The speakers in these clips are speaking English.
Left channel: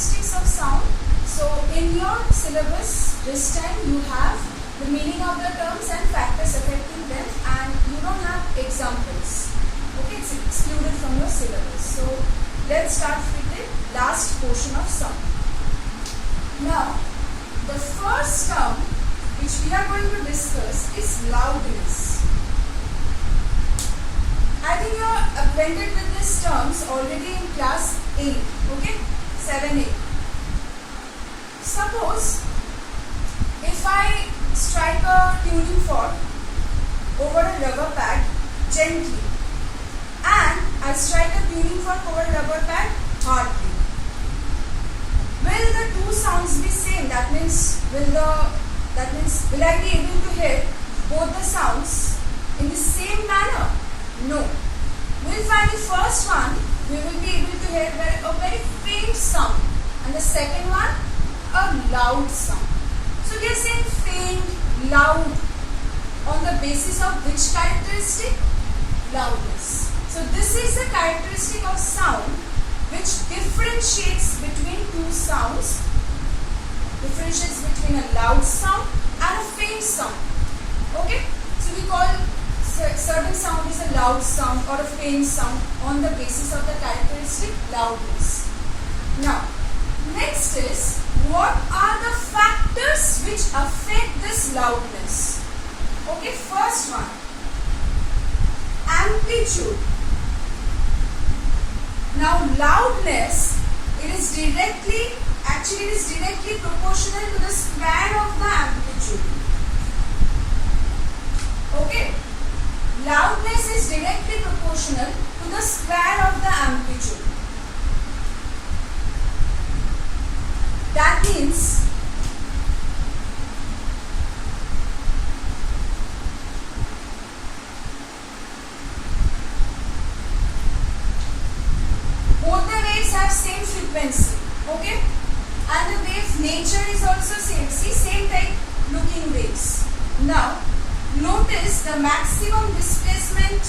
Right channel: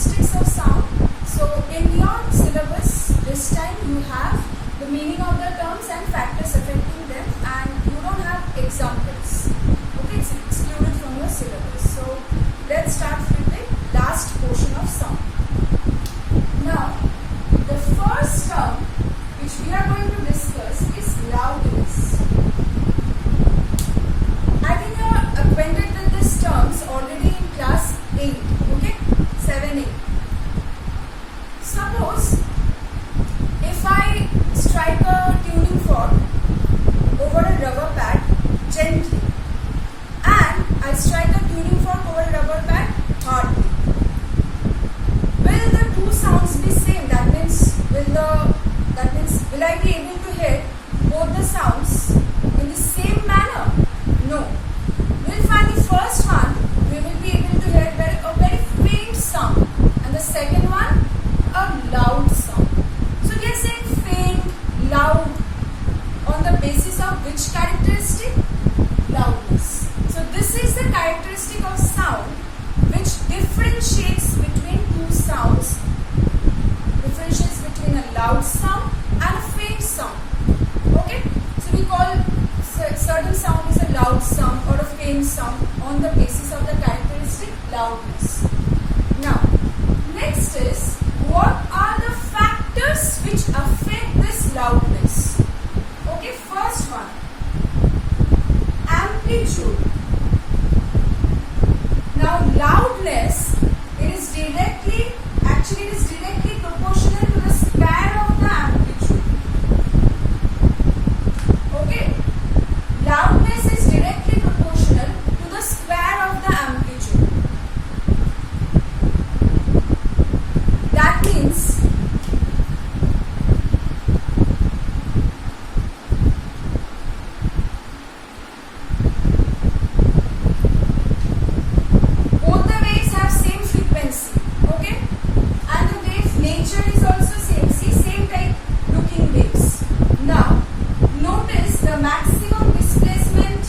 characteristics of sound. So in your syllabus this time you have the meaning of the terms and factors affecting them, and you don't have examples. Okay, it's excluded from your syllabus. So let's start with the last portion of sound. Now the first term which we are going to discuss is loudness. I think you are acquainted with these terms already in class 8, okay, 7, 8. Suppose if I strike a tuning fork over a rubber pad gently and I strike a tuning fork over a rubber pad hardly, will the two sounds be same? That means will I be able to hear both the sounds in the same manner? No. We'll find the first one, we will be able to hear a very faint sound, and the second one, a loud sound. So we are saying faint, loud, on the basis of which characteristic? Loudness. So this is the characteristic of sound which differentiates between two sounds, differentiates between a loud sound and a faint sound. Okay? So we call certain sound is a loud sound or a faint sound on the basis of the characteristic loudness. Now, next is, what are the factors which affect this loudness? Okay, first one, amplitude. Now, loudness, it is directly proportional to the square of the amplitude. Okay, loudness is directly proportional to the square of the amplitude. That means both the waves have same frequency, okay, and the wave nature is also same. See, same type looking waves. Now notice the maximum displacement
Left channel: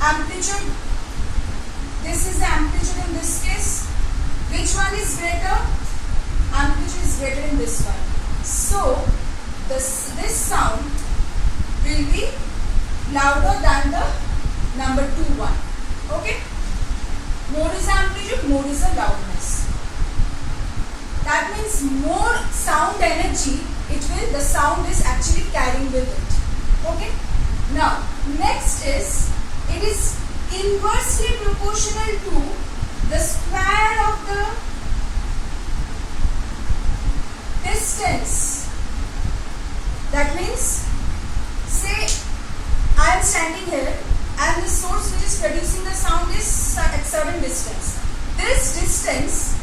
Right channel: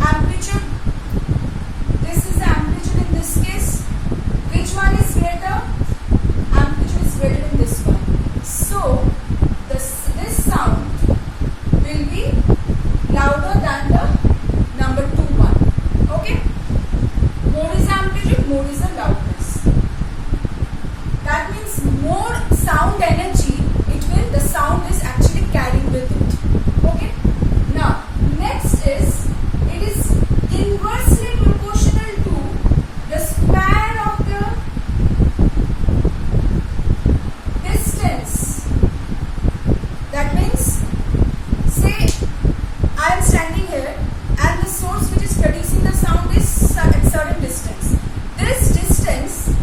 amplitude. This is the amplitude in this case. Which one is greater? Amplitude is greater in this one. So this sound will be louder than the number 2 one. Okay? More is amplitude, more is the loudness. That means more sound energy the sound is actually carrying with it. Okay? Now, next is, it is inversely proportional to the square of the distance. That means, say I am standing here and the source which is producing the sound is at certain distance. This distance,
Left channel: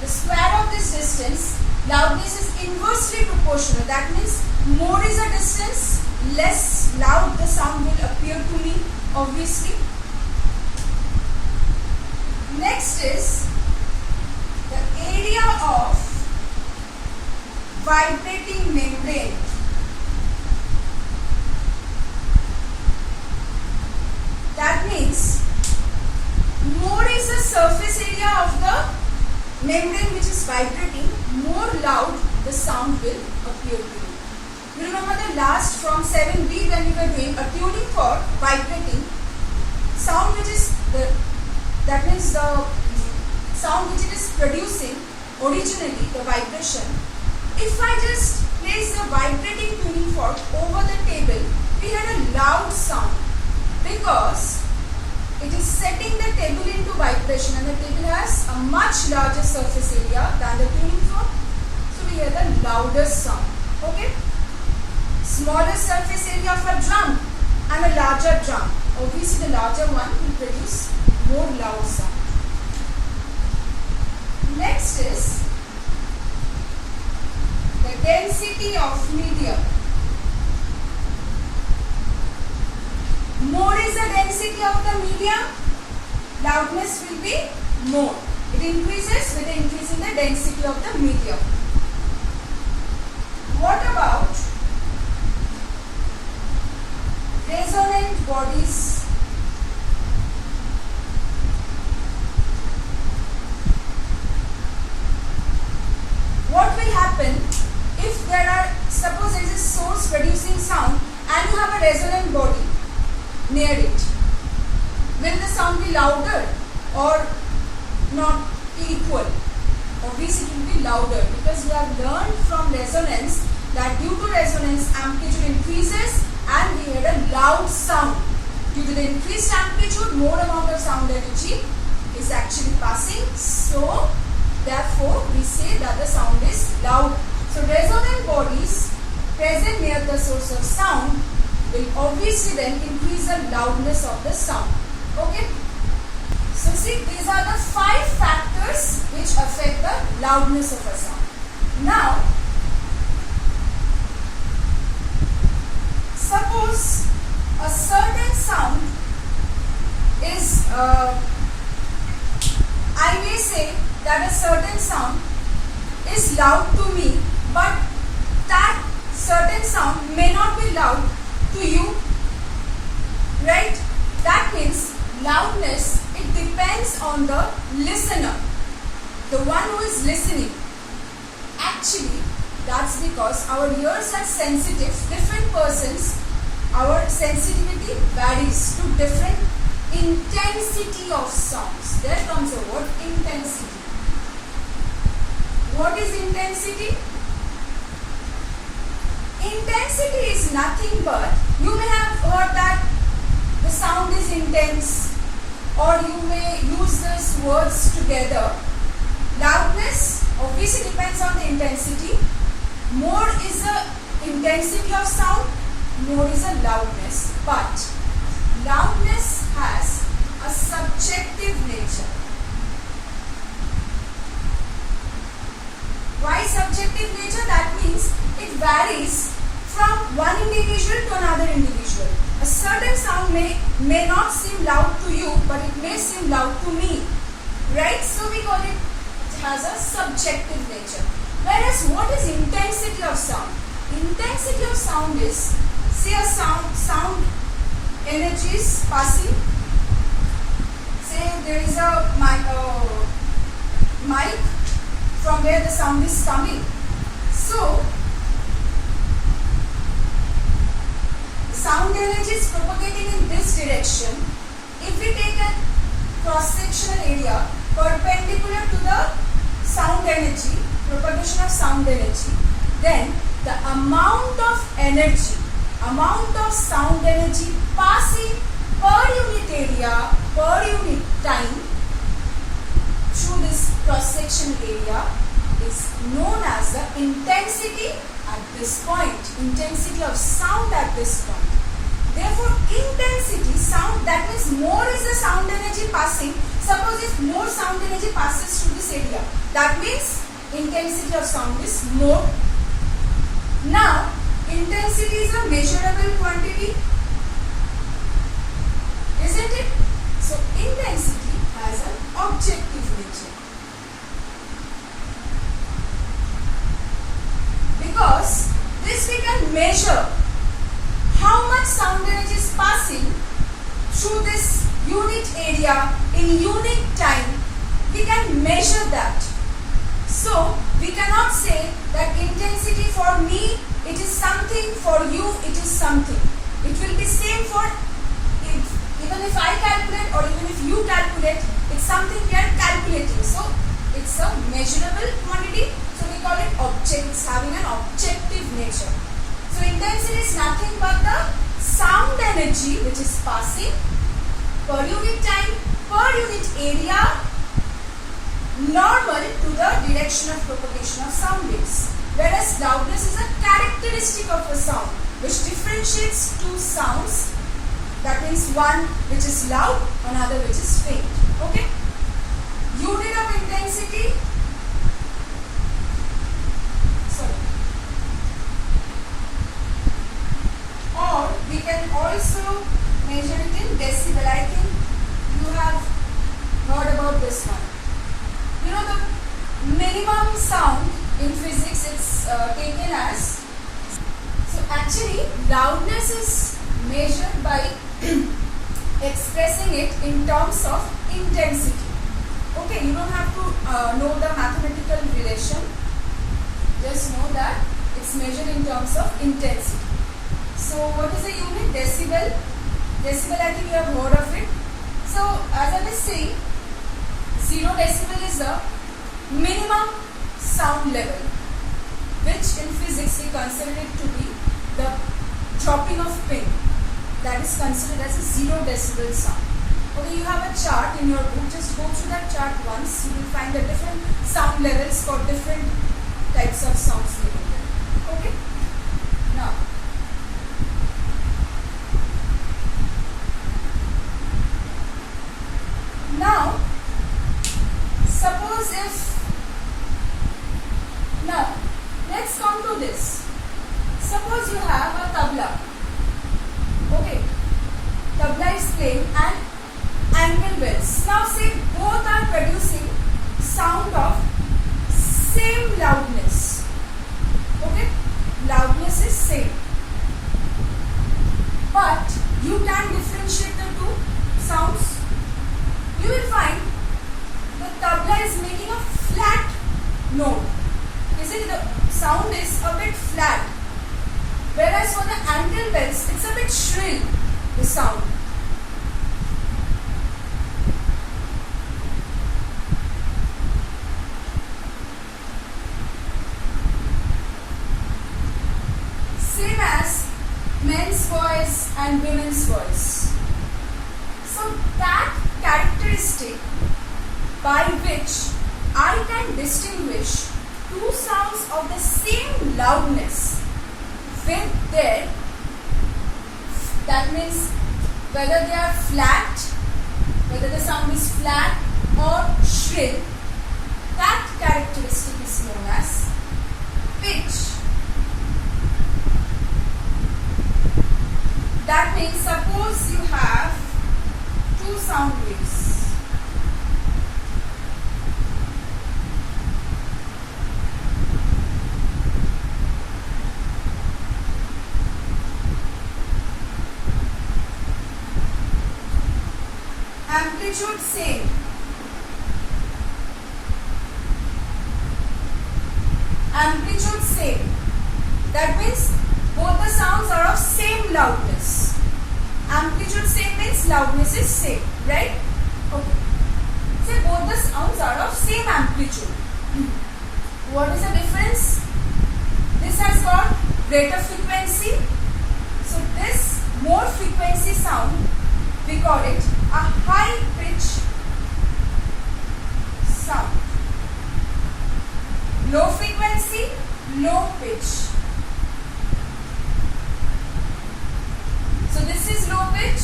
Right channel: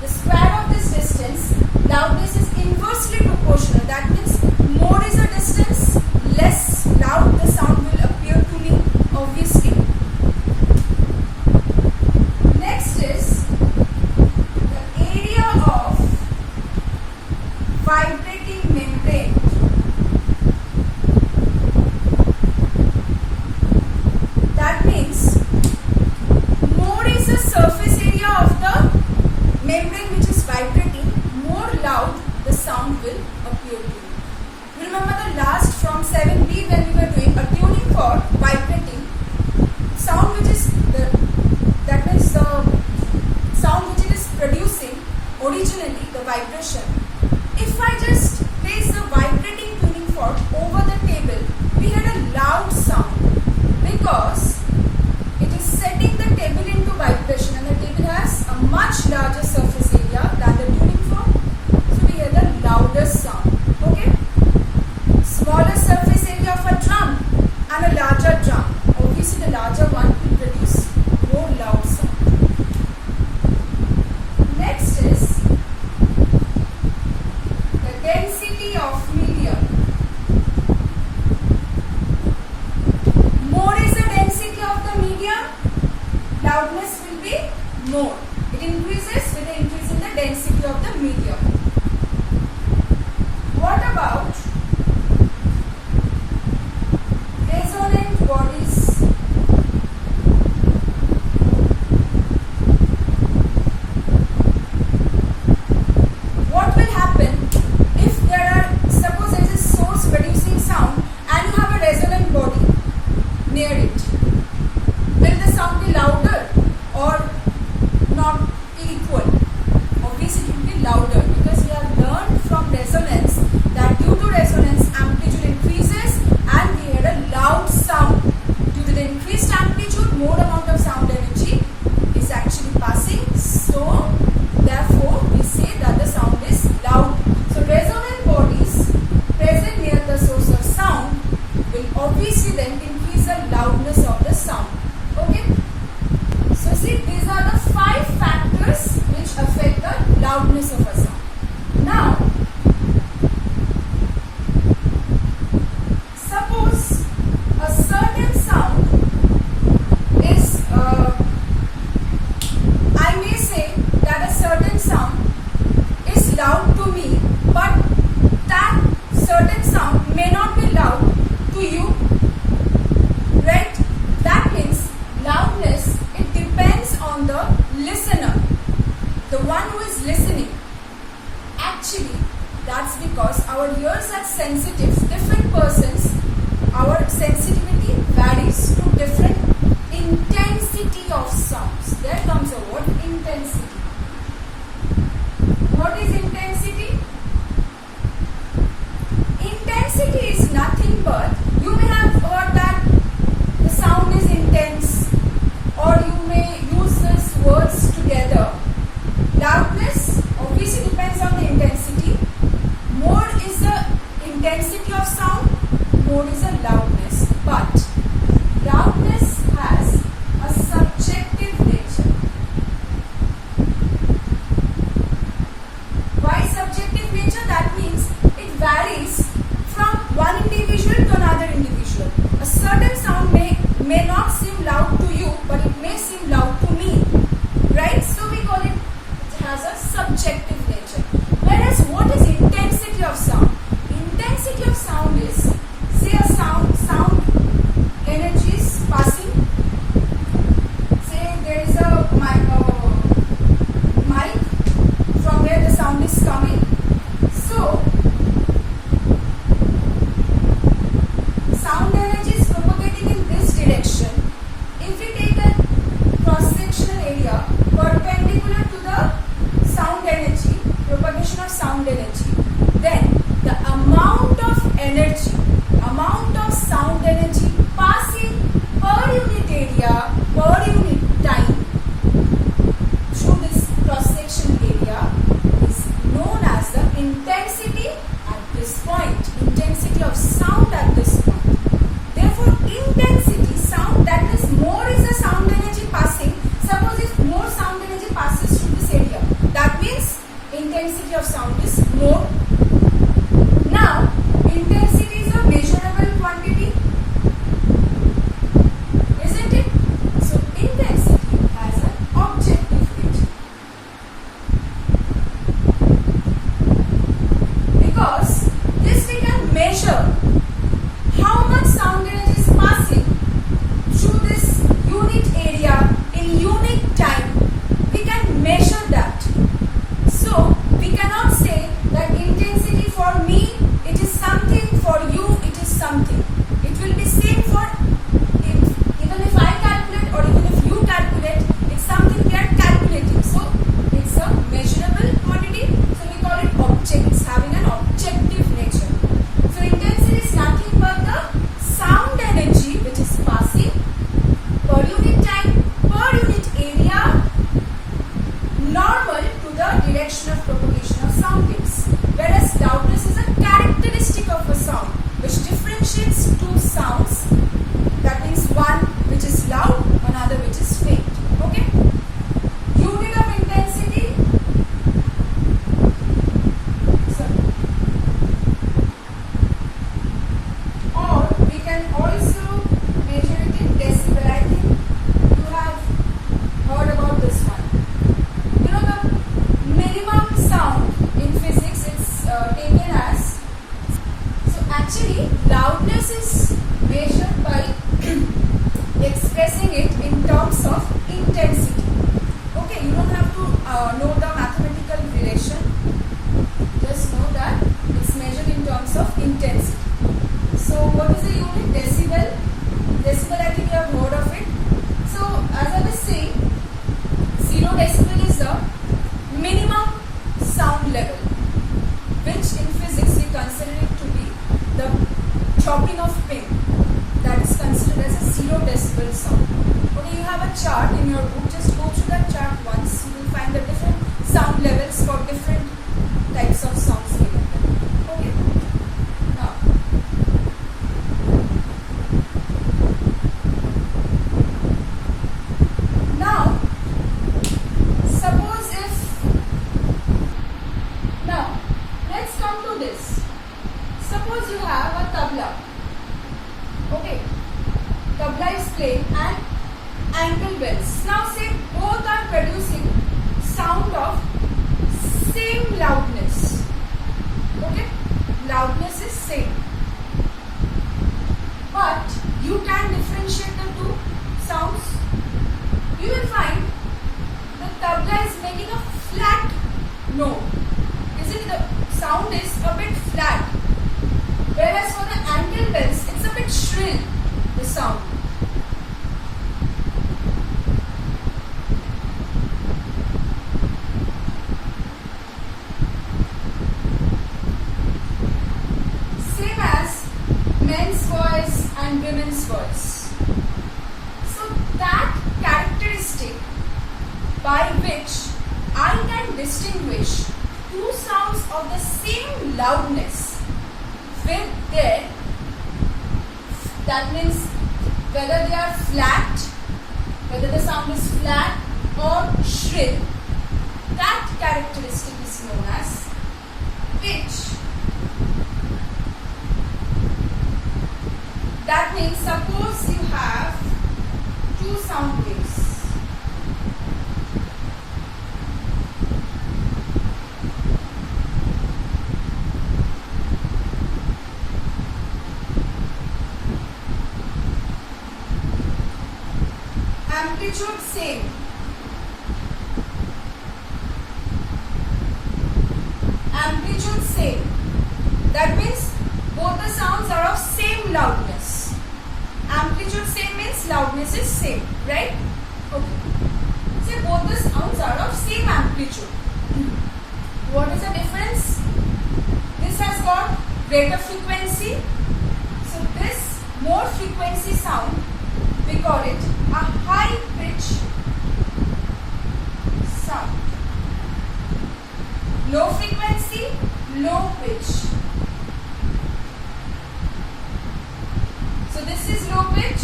the square of this distance, loudness is inversely proportional. That means more is the distance, less loud the sound will appear to me, obviously. Next is the area of vibrating membrane. That means more is the surface area of the membrane which is vibrating, more loud the sound will appear to you. You remember the last from 7B when we were doing a tuning fork vibrating, sound which is that means the sound which it is producing originally, the vibration. If I just place the vibrating tuning fork over the table, we had a loud sound because it is setting the table into vibration, and the table has a much larger surface area than the tuning fork. So we hear the louder sound. Okay? Smaller surface area of a drum and a larger drum. Obviously the larger one will produce more loud sound. Next is the density of medium. More is the density of the medium, loudness will be more. It increases with the increase in the density of the medium. What about resonant bodies? sound and you have a resonant body near it, will the sound be louder or not equal? Obviously it will be louder, because we have learned from resonance that due to resonance amplitude increases and we heard a loud sound. Due to the increased amplitude, more amount of sound energy is actually passing, so therefore we say that the sound is loud. So resonant bodies present near the source of sound will obviously then increase the loudness of the sound. Okay? So see, these are the 5 factors which affect the loudness of a sound. Now, suppose a certain sound is, I may say that a certain sound is loud to me, but that certain sound may not be loud to you, right? That means loudness, it depends on the listener, the one who is listening. Actually, that's because our ears are sensitive. Different persons, our sensitivity varies to different intensity of sounds. There comes a word, intensity. What is intensity? Intensity is nothing but, you may have heard that the sound is intense, or you may use these words together. Loudness obviously depends on the intensity. More is the intensity of sound, more is the loudness. But loudness has a subjective nature. Why subjective nature? That means it varies from one individual to another individual. A certain sound may not seem loud to you, but it may seem loud to me, right? So we call it has a subjective nature. Whereas what is intensity of sound? Intensity of sound is, say a sound energy is passing. Say there is a mic from where the sound is coming. So sound energy is propagating in this direction. If we take a cross-sectional area perpendicular to the sound energy, propagation of sound energy, then the amount of energy, amount of sound energy passing per unit area, per unit time through this cross-section area is known as the intensity at this point, intensity of sound at this point. Therefore, intensity, sound, that means more is the sound energy passing. Suppose if more sound energy passes through this area, that means intensity of sound is more. Now, intensity is a measurable quantity, isn't it? So, intensity has an objective nature. Because this we can measure how much sound energy is passing through this unit area in unit time. We can measure that. So we cannot say that intensity for me it is something, for you it is something. It will be same for even if I calculate or even if you calculate, it's something we are calculating. So it's a measurable quantity. So we call it object. It's having an objective nature. So intensity is nothing but the sound energy which is passing per unit time, per unit area, normal to the direction of propagation of sound waves. Whereas loudness is a characteristic of a sound which differentiates two sounds. That means one which is loud, another which is faint. Okay? Unit of intensity. Sorry. Or we can also measure it in decibel. I think you have heard about this one. You know the minimum sound in physics, it's taken as, so actually loudness is measured by expressing it in terms of intensity. Okay, you don't have to know the mathematical relation, just know that it's measured in terms of intensity. decibel, I think you have heard of it. So as I was saying, 0 decibel is the minimum sound level, which in physics we consider it to be the dropping of pin. That is considered as a 0 decibel sound. Okay, you have a chart in your book. Just go through that chart once. You will find the different sound levels for different types of sounds. Okay. Now, suppose if let's come to this. Suppose you have a tabla. Okay, tabla is playing and ankle bells. Now say both are producing sound of same loudness. Okay, loudness is same, but you can differentiate the two sounds. You will find the tabla is making a flat note. Isn't the sound is a bit flat, whereas for the ankle bells it's a bit shrill, the sound. Same as men's voice and women's voice. So that characteristic by which I can distinguish two sounds of the same loudness with their, that means whether they are flat, whether the sound is flat or shrill, that characteristic is known as pitch. That means suppose you have two sound waves. Amplitude same. Amplitude same. That means both the sounds are of same loudness. Amplitude same means loudness is same, right? Okay. Say both the sounds are of same amplitude. What is the difference? This has got greater frequency. So this more frequency sound, we call it a high pitch sound. Low frequency, low pitch. So this is low pitch,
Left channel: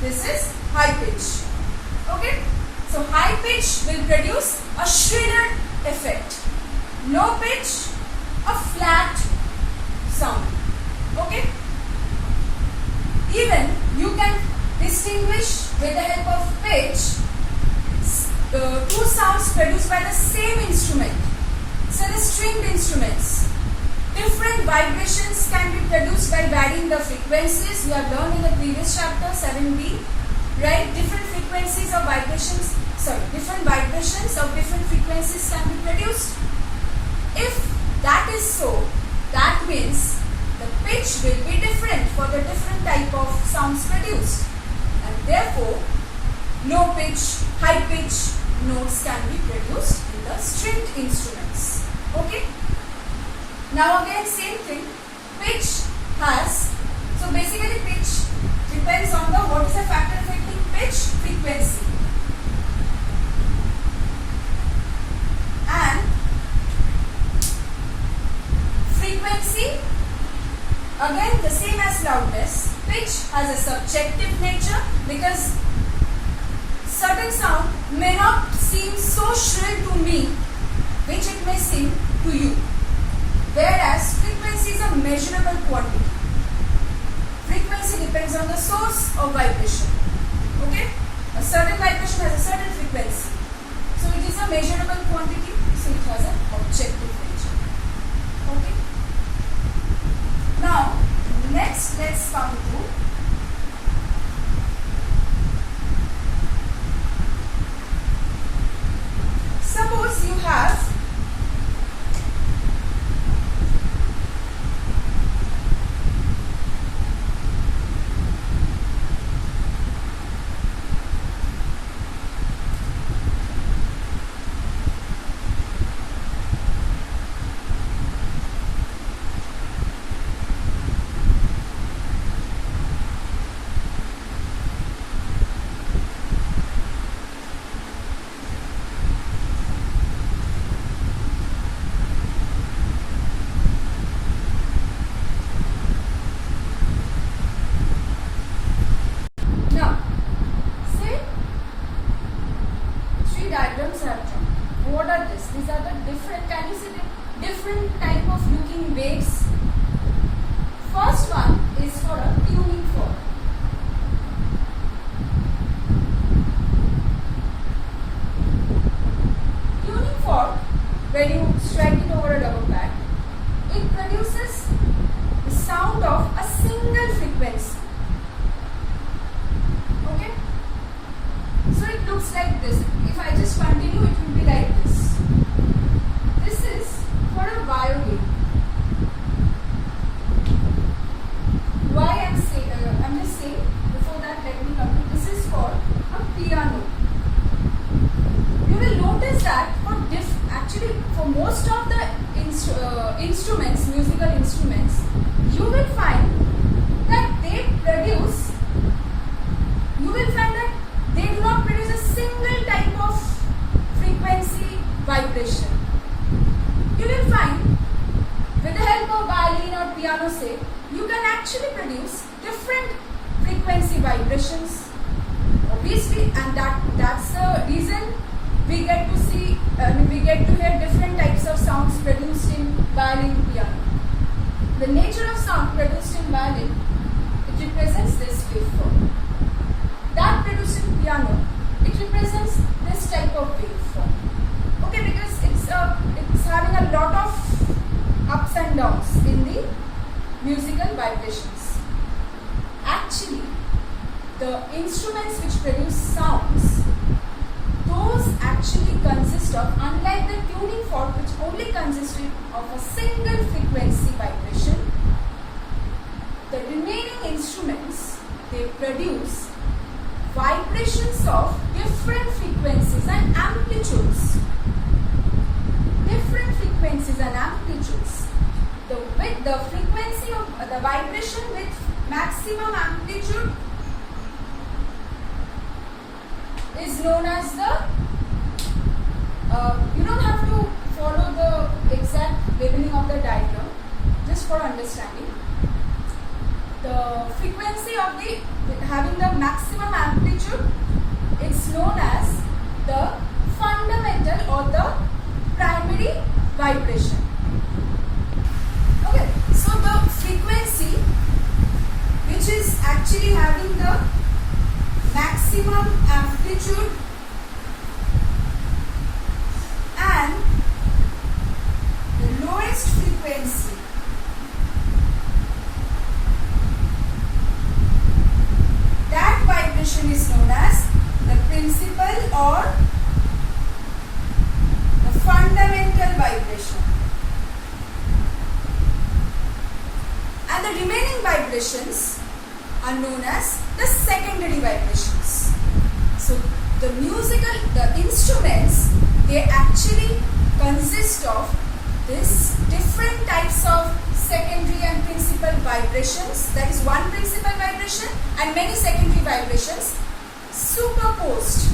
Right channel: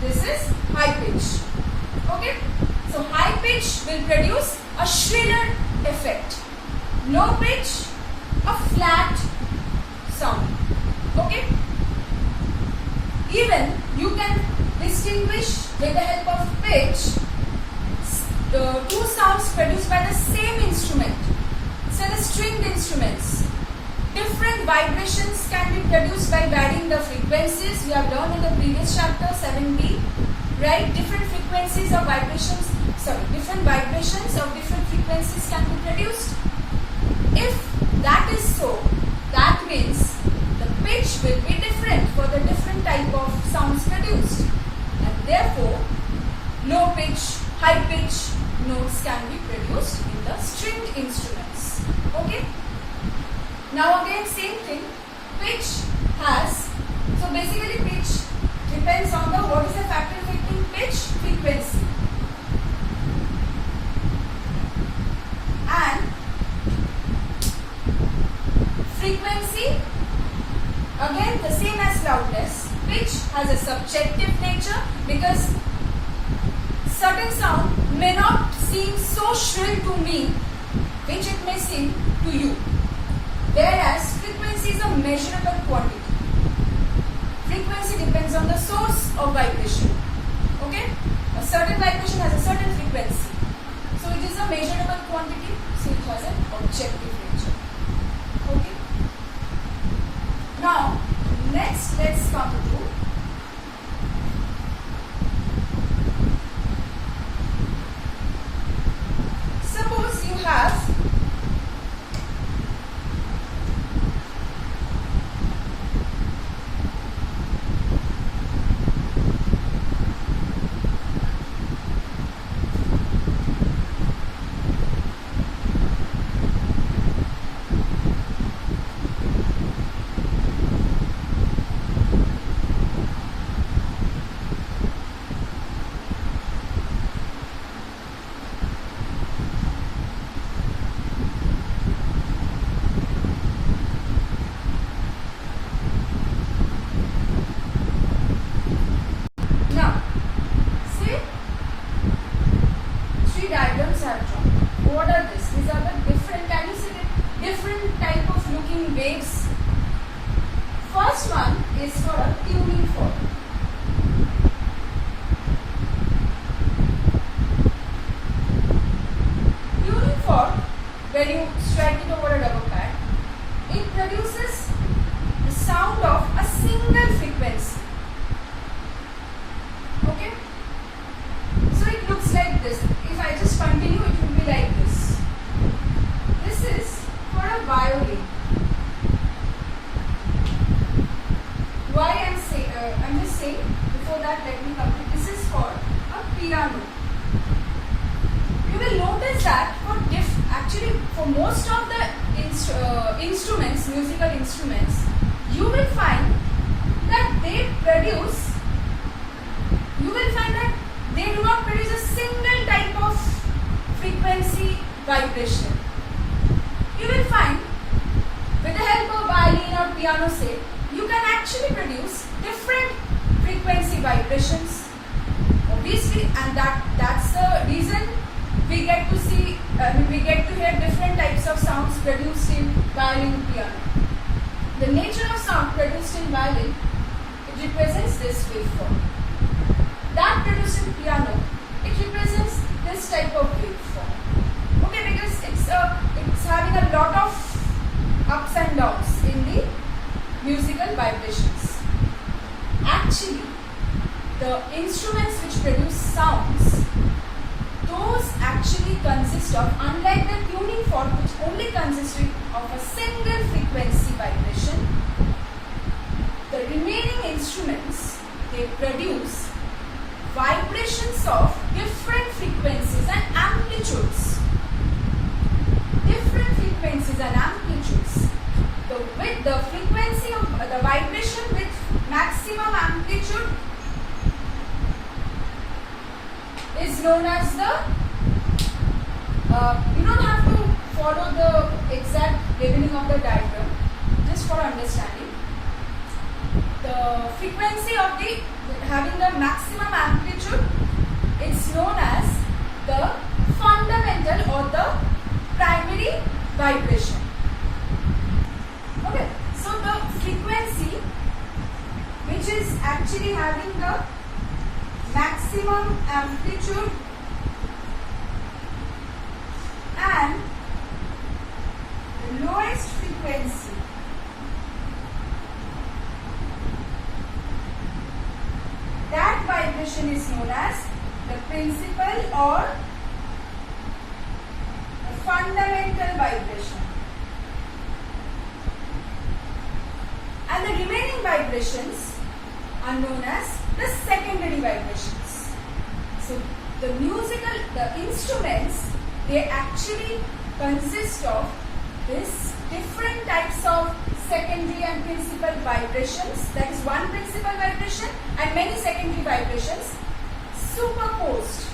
this is high pitch. Okay? So high pitch will produce a shriller effect. Low pitch, a flat sound. Okay? Even you can distinguish with the help of pitch two sounds produced by the same instrument. So the stringed instruments, different vibrations can be produced by varying the frequencies. You have learned in the previous chapter 7b, right? Different frequencies of vibrations, different vibrations of different frequencies can be produced. If that is so, that means the pitch will be different for the different type of sounds produced, and therefore low pitch, high pitch notes can be produced in the stringed instruments. Okay? Now again same thing, pitch has, so basically pitch depends on the, what is the factor affecting pitch? Frequency. And frequency, again the same as loudness, pitch has a subjective nature because certain sound may not seem so shrill to me which it may seem to you. Whereas frequency is a measurable quantity. Frequency depends on the source of vibration. Okay? A certain vibration has a certain frequency. So it is a measurable quantity, so it has an objective nature. Okay? Now, next let's come to suppose you have I'm just saying, before that let me complete. This is for a piano. You will notice that actually for most of the instruments, musical instruments, you will find that they do not produce a single type of frequency vibration. You will find with the help of violin or piano, say, you can actually produce different frequency vibrations. Obviously, and that's the reason we get to hear different types of sounds produced in violin and piano. The nature of sound produced in violin, it represents this waveform. That produced in piano, it represents this type of waveform. Okay, because it's having a lot of ups and downs in the musical vibrations. Actually, the instruments which produce sounds, those actually consist of, unlike the tuning fork which only consists of a single frequency vibration, the remaining instruments, they produce vibrations of different frequencies and amplitudes. Different frequencies and amplitudes. The frequency of the vibration with maximum amplitude is known as the, you don't have to follow the exact labeling of the diagram, just for understanding. The frequency of having the maximum amplitude, it's known as the fundamental or the primary vibration. Okay, so the frequency which is actually having the maximum amplitude and the lowest frequency, that vibration is known as the principal or the fundamental vibration. And the remaining vibrations are known as the secondary vibrations. So the instruments, they actually consist of this different types of secondary and principal vibrations. That is one principal vibration and many secondary vibrations superimposed.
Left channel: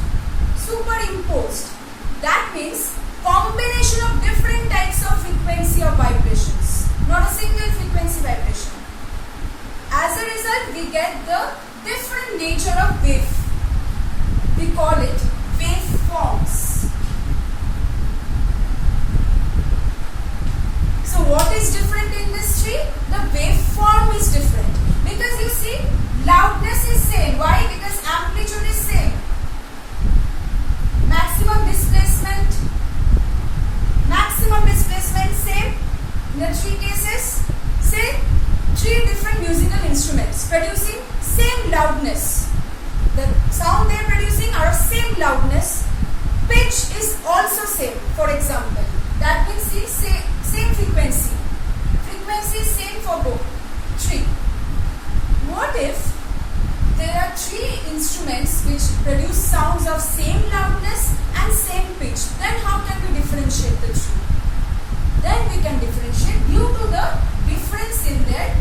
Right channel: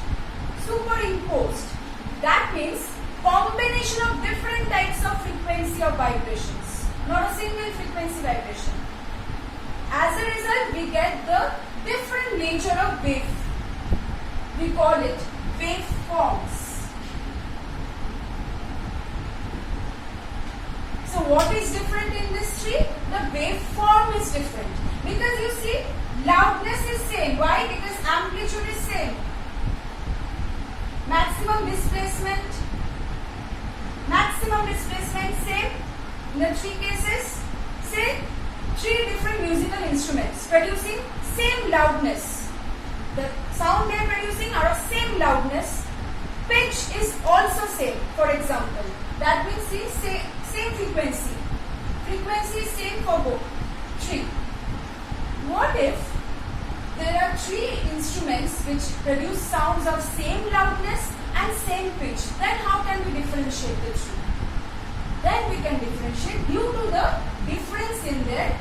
That means combination of different types of frequency of vibrations, not a single frequency vibration. As a result, we get the different nature of wave. We call it waveforms. So what is different in this tree? The waveform is different. Because you see, loudness is same. Why? Because amplitude is same. Maximum displacement same. In the three cases, say three different musical instruments producing same loudness. The sound they are producing are of same loudness. Pitch is also same, for example. That means see, same frequency. Frequency is same for both. Three. What if there are three instruments which produce sounds of same loudness and same pitch? Then how can we differentiate the three? Then we can differentiate due to the difference in their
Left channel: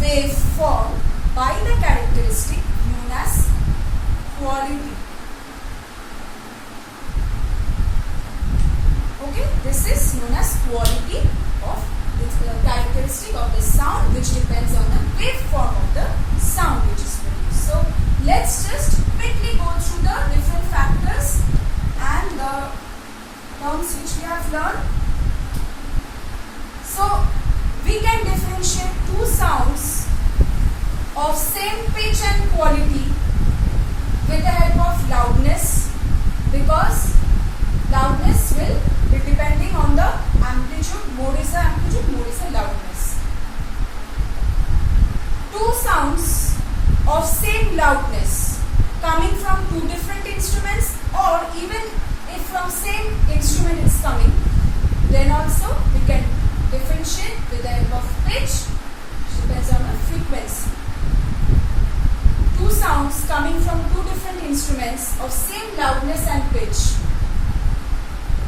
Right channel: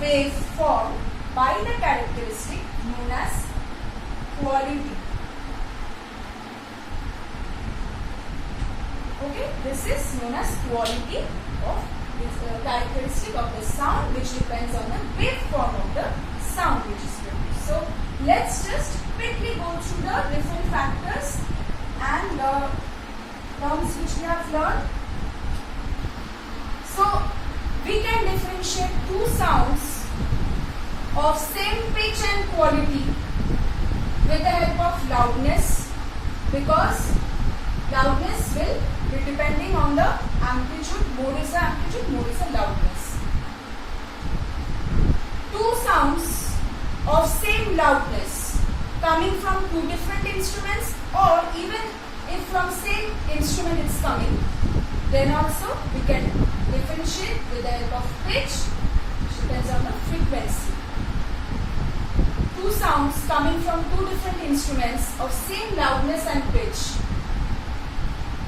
waveform by the characteristic known as quality. Okay, this is known as quality of the characteristic of the sound, which depends on the waveform of the sound which is produced. So let's just quickly go through the different factors and the terms which we have learned. So we can differentiate two sounds of same pitch and quality with the help of loudness, because loudness will be depending on the amplitude. More is the amplitude, more is the loudness. Two sounds of same loudness coming from two different instruments, or even if from same instrument it's coming, then also we can differentiate with the help of pitch, which depends on the frequency. sounds coming from two different instruments of same loudness and pitch.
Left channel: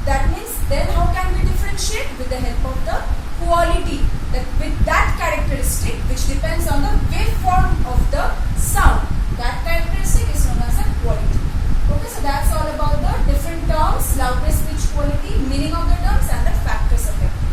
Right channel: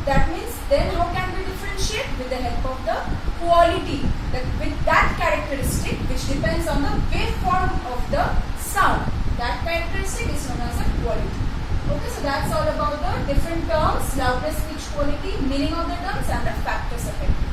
That means then how can we differentiate? With the help of the quality, with that characteristic which depends on the waveform of the sound. That characteristic is known as a quality. Okay, so that's all about the different terms, loudness, pitch, quality, meaning of the terms and the factors of it.